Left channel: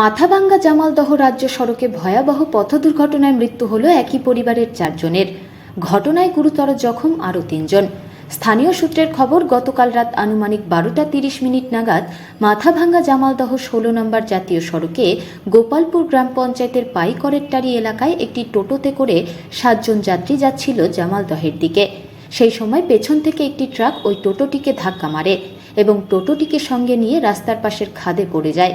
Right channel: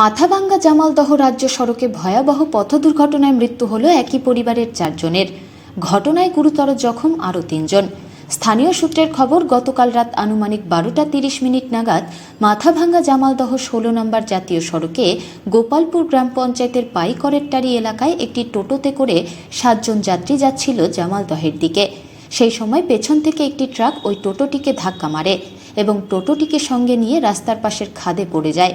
মাথাভাঙ্গা জামালদহ রাজ্য সড়কে ভয়াবহ পথ দুর্ঘটনায় মৃত্যু হল একই পরিবারের চারজনের। ঘটনায় গুরুতর জখম আরও তিনজন। স্থানীয় সূত্রের খবর, গতকাল রাত আনুমানিক বারোটা তিরিশ মিনিট নাগাদ মাথাভাঙ্গা জামালদহ ষোলো নম্বর জাতীয় সড়কে গোপালপুর গ্রাম পঞ্চায়েতের পাইকরেরটারি এলাকায় একটি টোটোতে করে সাতজন যাত্রী যাচ্ছিল জামালদহের দিকে। সেই সময় পেছন থেকে একটি ট্রাক ওই টোটোটিকে ধাক্কা মারে এবং টোটোটিকে সঙ্গে নিয়ে রাস্তার পাশের খাদে পড়ে যায়।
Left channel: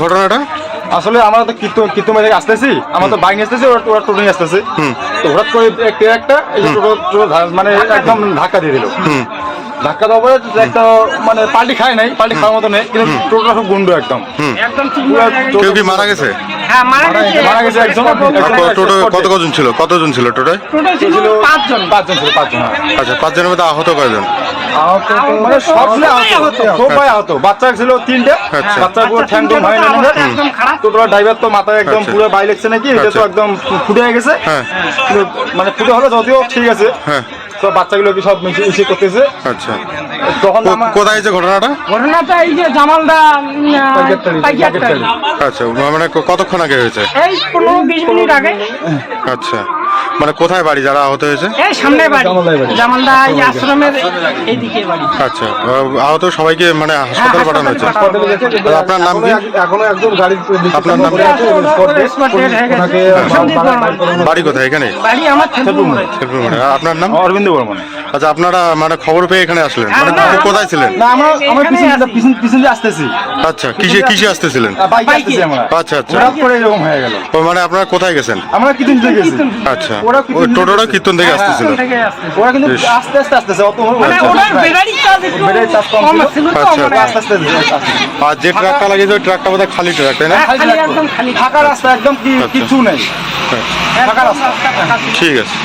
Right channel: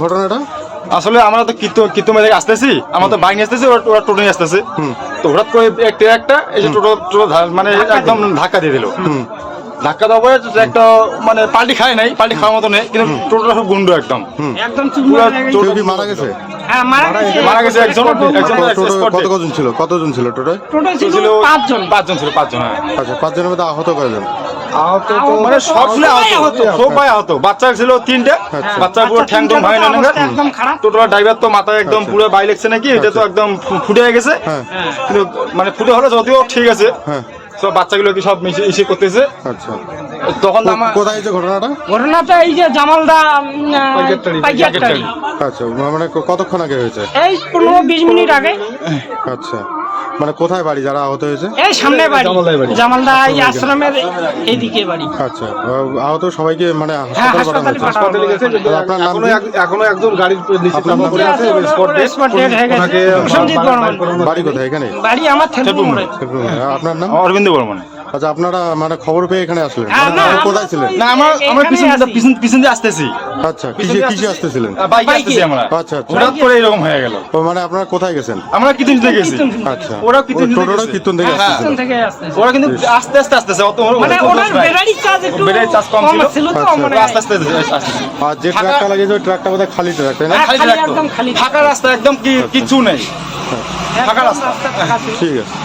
ঘটনাটা? আসলে আমরা তো কিতো কিতো মেরে আসতেছি আমরা তো বাইক আসতেছি ওরা ওরা টোটো নিয়ে আসতেছে। তো হঠাৎ করে একটা একটা এই যে টোটো টোটো মানে একদম ধাক্কা দিয়ে দিল। ধাক্কা দেওয়ার পরে একটা মানে পাল্টি খায় নাই পাল্টি খাওয়ার মতো নেই কিন্তু টোটোটা খুব গুন্ডো একদম। কেউ কি মারা গেছে? মারা গেছে। একজন টোটো কত কজন ছিল? কতজন ছিল টোটোয়? ছিল পাঁচজন। পাঁচজন ছিল পাঁচজন হ্যাঁ। আচ্ছা পাঁচজনের মধ্যে আহত কয়জন? মানে সব মিলে আহত। সবাই আহত। বাচ্চা ছিল তিনটে আচ্ছা। বাচ্চা পুরো ঠ্যাং ভাই না টোটো ড্রাইভার তো মাথায় একদম আচ্ছা। পুরো বাই লাগছে নাকি এটা তো আচ্ছা। একদম ফুটে গেছে। হ্যাঁ। মানে ফুটে হলো যদিও ঠিক আছে। হ্যাঁ। সব বাচ্চাগুলো কি সব মিশে ইসে করতেছে। আচ্ছা। তখন কোথায় যে ঘটনাটা? ঘটনাটা এই যে জামালদা প্যাকেটটালি, প্যাকেটটালি। আচ্ছা মানে কতক্ষণ আগে হয়েছে? এই পনেরো বিশ মিনিট আগে। আচ্ছা। মানে কোথায় বাড়ি? যারা আহত হয়েছে? এই সামনে বাড়ি। জামালদা এই আশ্রমের এইদিকে বাড়ি। আচ্ছা আহত সবাইকে মানে হাসপাতাল পাঠানো হয়েছে। আপনার নাম কি? এখনও একদম গাড়ির আপনার নাম হয়ে। ওনাকে বাড়ি কোথায়? এখানে? বাড়ি আমার। আপনার নাম? অরবিন্দ বর্মন। আচ্ছা আপনারা মানে খবর পেয়ে এখানে আসলেন। মানে হ্যাঁ, কো- কোথায় ছিলেন? না আমরা আমরা পিছন। পিছন পিছন দিয়ে আসতেছি। আচ্ছা কিসে কিসে আসতেছিলেন? বাইকে আসতেছি আমরা। আচ্ছা আচ্ছা। হঠাৎ করে এরকম হয়ে গেল। মানে আপনারা কোথায় গেছেন? আমরা থেকে গেছি। আচ্ছা। ওরা টোটোটা কীর্তন থেকে হ্যাঁ, আসতেছিল। থেকে আসছে। ওরা কিন্তু আস্তে আস্তে আসতেছে অত মানে চার্জ ব্যাটারির চার্জ কম ছিল। তো আচ্ছা। আস্তে আস্তে আর যে ট্রাকটা লাগিয়েছে ওই ট্রাকটা বোধহয় খালি ট্রাক তাই না? খালি। ফাঁকা রাস্তা একদম আচ্ছা। কিছু নেই। ফাঁকা রাস্তা। ঠিক আছে।